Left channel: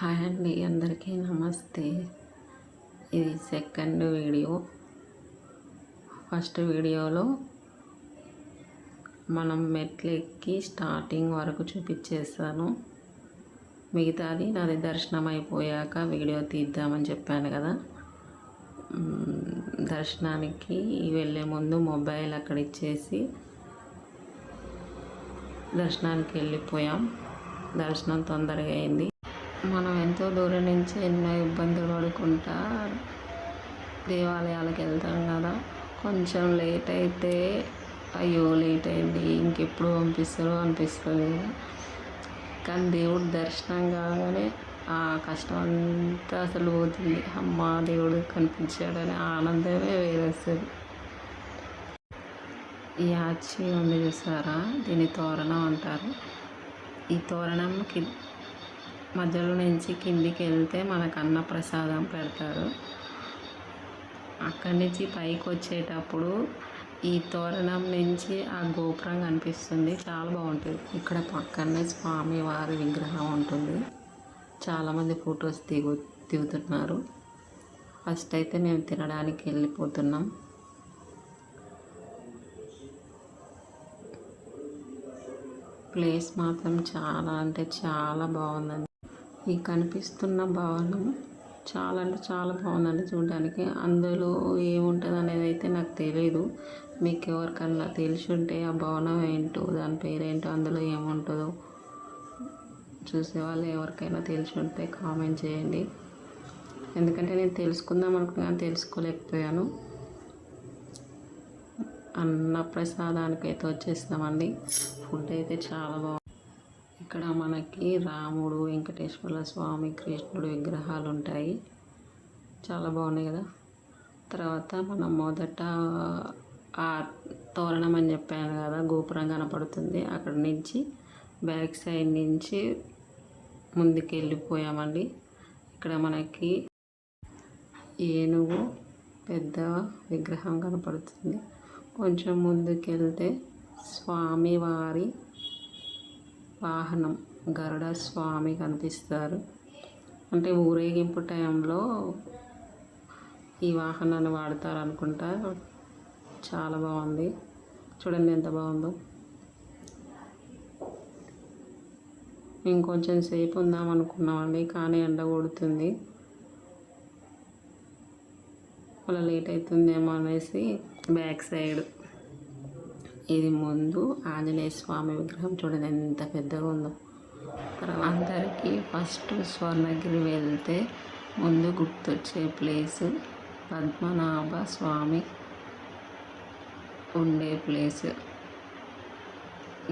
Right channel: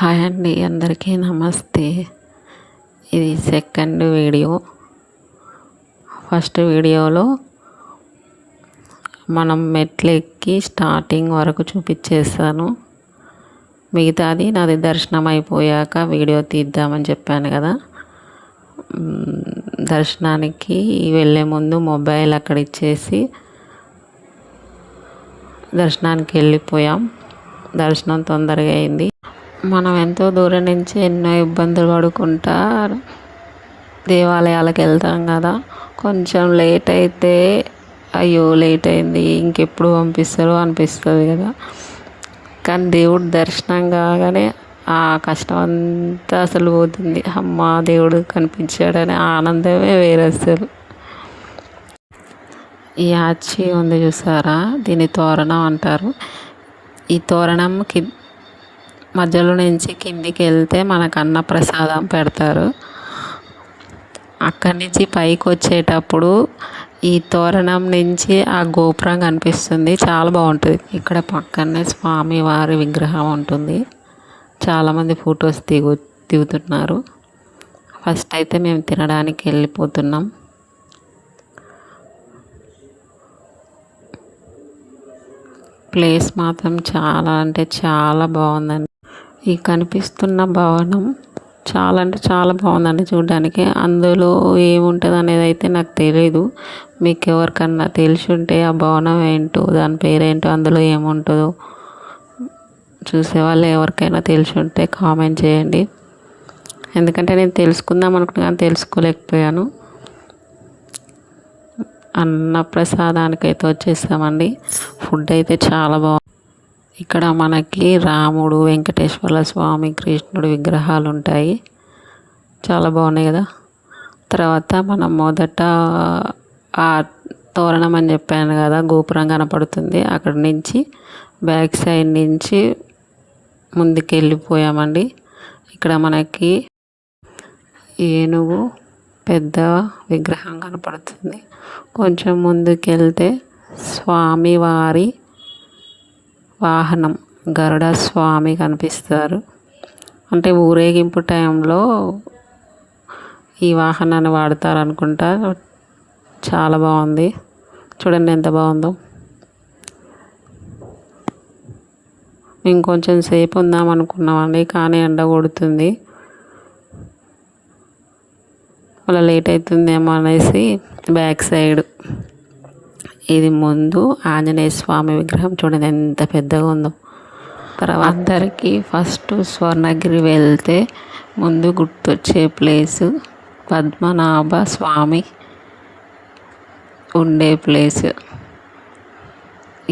Hi అండి, అందరికీ నమస్తే. ఇది సెకండ్ వీడియో. ఫస్ట్ వీడియోలో మనం మెట్లు ఎక్కి స్టార్టింగ్ వరకు చూపించేస్తాను. మిగతాది నాది దర్శనం అయిపోయాక వీడియో తీద్దామని చెప్పాను కదా. దర్శనానికి వెళ్ళే ముందు మొబైల్ అక్కడ ఇచ్చేసి దర్శనానికి వెళ్ళిపోయాం. దర్శనం తొందరగా అయింది. మనం ఎంతో దూరం నుంచి ఎన్నో ఇబ్బందులు పడుకుంటా దేవాలయాలకు వెళ్తాం కదా. కొంచెం లేట్ అయితే అయ్యో లేట్ అయింది, ఇంకెప్పుడు పంపిస్తారో అనిపిస్తుంది కదా. కానీ దేవుడు దర్శనం కాగానే ఆ కష్టం అంతా అసలు పోతుంది. అమ్మ దేవుడు కనిపించాడనే ఆనందమే వేరే అసలు. ఈ ఆచి ఉంది చూసారా, దీన్ని తోరణం అంటారు. ఈ తోరణం మధ్యలో నుంచి కిందికి వెళ్తే మనకు అన్నప్రసాదం పెడతారు. అక్కడి నుంచి పైకి వచ్చేటప్పుడు ఈ తోరణం నుంచి ఆ గోపురం కనిపిస్తుంది, చాలా బాగుంటుంది. ఇక్కడ పక్కనే స్వామివారి విగ్రహం ఉంటుంది. చాలామంది ఫొటోస్ దిగుతున్నారు. ఫస్ట్ అయితే మేము తినడానికి వెళ్ళిపోతున్నాం. ప్లేస్ మాత్రం చాలా అంటే చాలా బాగుందండి. ఈ కనిపిస్తున్న భవనం చాలా అంటే చాలా బాగుందండి చూడడానికి. అందులో ఏముంటుంది అనేది అయితే నాకు తెలీదు. మీకు ఎవరికన్నా తెలిసి ఉంటే ఆ భవనం ఏంటో, దాని పేరేంటో, అందులో ఏముంటుందో చూసేవాళ్ళు ఎవరికైనా తెలిసి ఉంటే కామెంట్ చేయండి. ఎందుకంటే నేను తెలుసుకుందాం అనుకున్నాను, తెలుసుకోలేకపోయాను. అన్నప్రసాదానికి అయితే వచ్చేసామండి. ఫుడ్ అయితే చాలా బాగుంది. ఇక్కడ మనకి రాముడు, వెంకటేశ్వర స్వామి, కృష్ణుడు విగ్రహాలు ఉంటాయి. చాలా బాగున్నాయి కదా. తర్వాత మనం మొదట ఆ తోరణం అని చెప్పాను కదా, గోపురం కనపడుతుంది. అక్కడ నుంచి బ్యాక్ సైడ్ నుంచి ముందుకు వెళ్ళిపోయామండి. ఇక్కడ మనకి ఏనుగు పెద్ద విగ్రహం కనపడుతుంది. కొంచెం ముందుకెళ్తే స్వామివారి వాహనం గరుడ స్వామి కనిపిస్తారు. అంటే ఊరేగింపు టైంలో ఈ వాహనాన్ని వాడతారు అనుకుంటా. చాలా బాగుంది, చూడండి ఎంత బాగుందో. ఇంకొంచెం సేపు ఉందాం అనుకున్నామండి, కానీ ఎండ కొడుతుంది, మళ్ళీ లేట్ అవుతుందేమో అనేసి బ్యాక్ సైడ్ ఇది ముందు ఆంజనేయ స్వామి విగ్రహం చూడండి ఎంత పెద్దగా ఉందో. తర్వాత అందరికీ ఫస్ట్ స్వర్ణగిరి వెళ్తే ముందు గుర్తొచ్చే ప్లేసు పద్మనాభ స్వామి ఉండే ప్లేస్.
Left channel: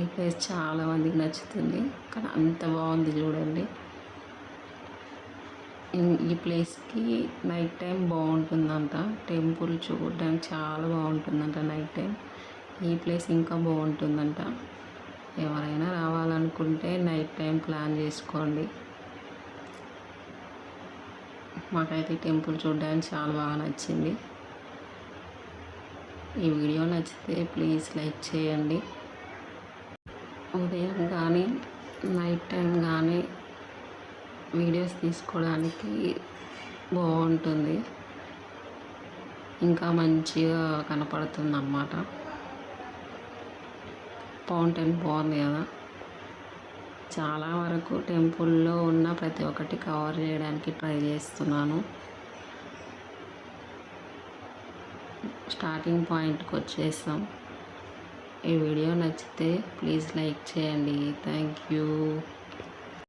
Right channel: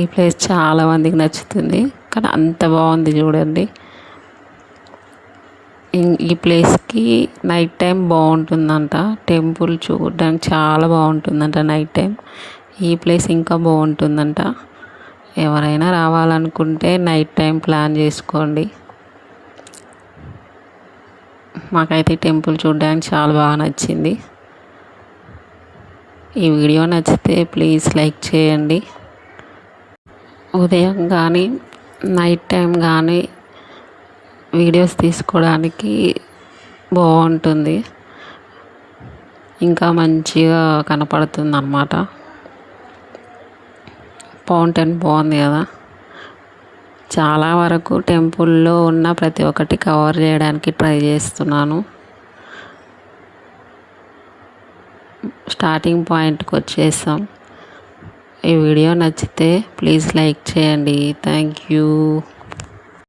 ఈ ప్లేస్ చాలామందికి నచ్చుతుంది, కానీ అంత బాగుంది చూడండి. ఈ ప్లేస్కి నైట్ టైం బాగుంటుందంట. టెంపుల్ చూడడానికి చాలా బాగుంటుందంట నైట్ టైం. ఈ ప్లేస్ ఇంకా బాగుంటుందంట. ఎవరైనా రావాలనుకుంటే నైట్ టైం ప్లాన్ చేసుకోండి. మాకైతే టెంపుల్ చూడడానికి చాలా బాగా నచ్చింది. ఈ వీడియో నచ్చితే ప్లీజ్ లైక్ చేయండి. ఉదయం కానీ నైట్ టైం కానీ వీడియోస్ తీసుకోవడానికి బాగుంటుంది, ఇంకా మంచిగా కనపడుతుంది అన్నమాట. ఫౌంటైన్ బాగుంది కదా. చాలా వరకు టెంపుల్లో ఉన్న ప్రతి ఒక్కటి కవర్ చేయడానికి ట్రై చేస్తున్నాను. స్టార్టింగ్ పాయింట్కి వచ్చేసాం. ఈ వీడియో నచ్చితే ప్లీజ్ లైక్ చేయండి. Thank you.